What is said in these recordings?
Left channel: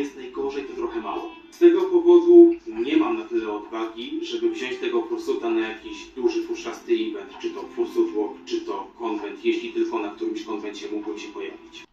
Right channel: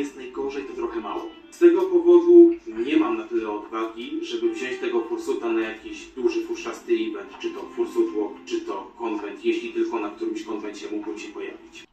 jest najgorzej, to trochę mało. Z tego powodu nie mam na tyle odwagi, żeby wziąć tego fursuta na jakiś duży, futrzasty event, czy to fursut walk, czy to konwent, jeśli tylko na którymś konwencie mógłbym się pojawić.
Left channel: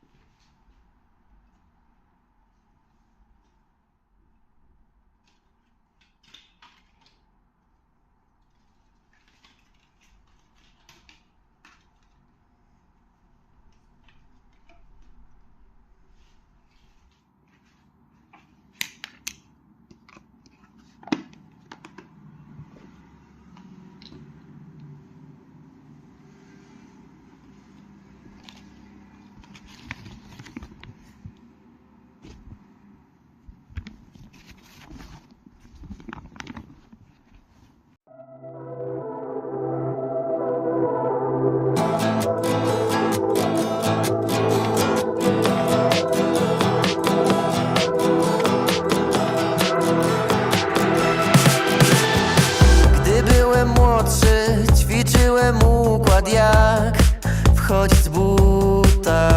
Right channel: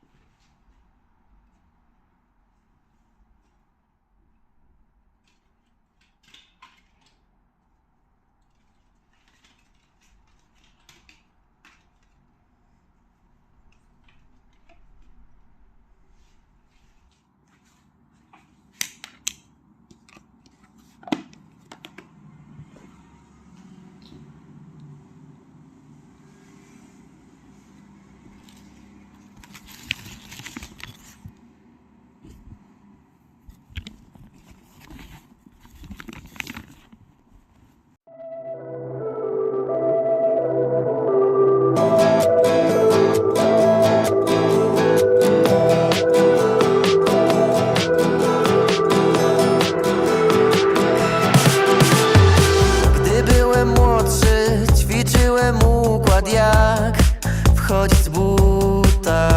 Wchodzić z buta.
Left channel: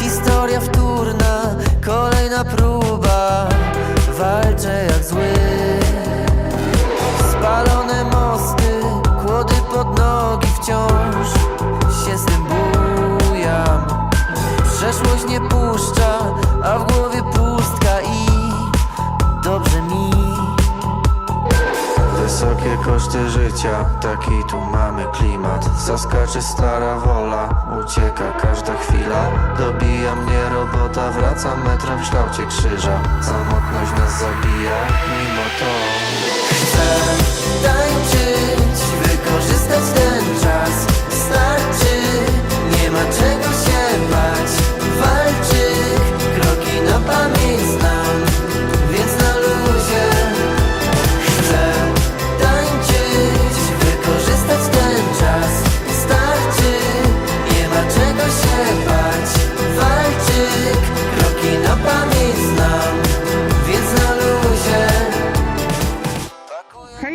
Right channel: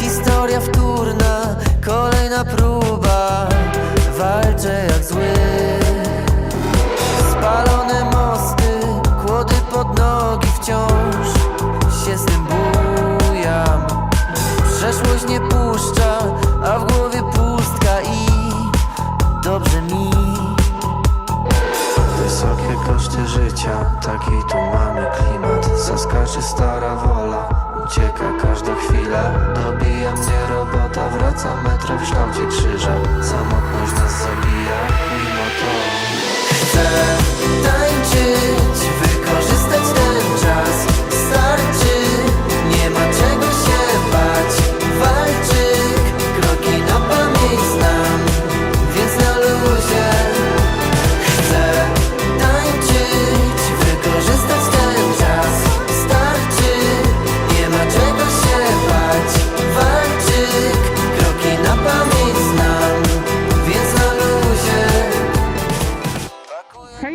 Historia wtórna, kolejna próba, walczę jak zły. Spalone mosty, kłody pod nogi wciąż się z tym bujam. Przeszłość nie puszcza, a w głowie Koszty życia, taki tu mamy klimat. Zaskaczy stara wola, ucieka każda chwila. Dobija mnie robota, wraca metrem w kształcie krzyża. Samotność nas zabija, mimo to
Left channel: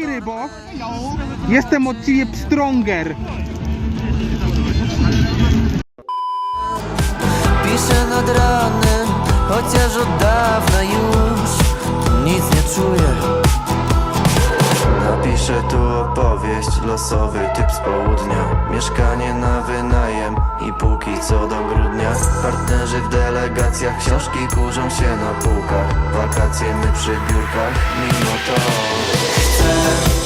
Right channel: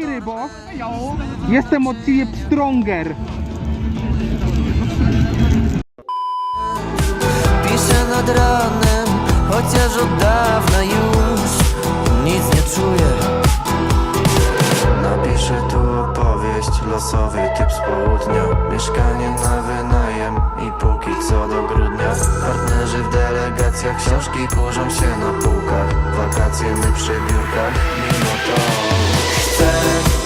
Hej rybo, jestem od ciebie stronger. Piszę nad ranem, chociaż od dawna już nic nie czuję. Napiszę tu opowieść, losowy typ z południa Mieszkanie na wynajem i póki co do grudnia Partnerzy w delegacjach, książki kurzą się na półkach Wakacje my przy biurkach, mimo to. Chcę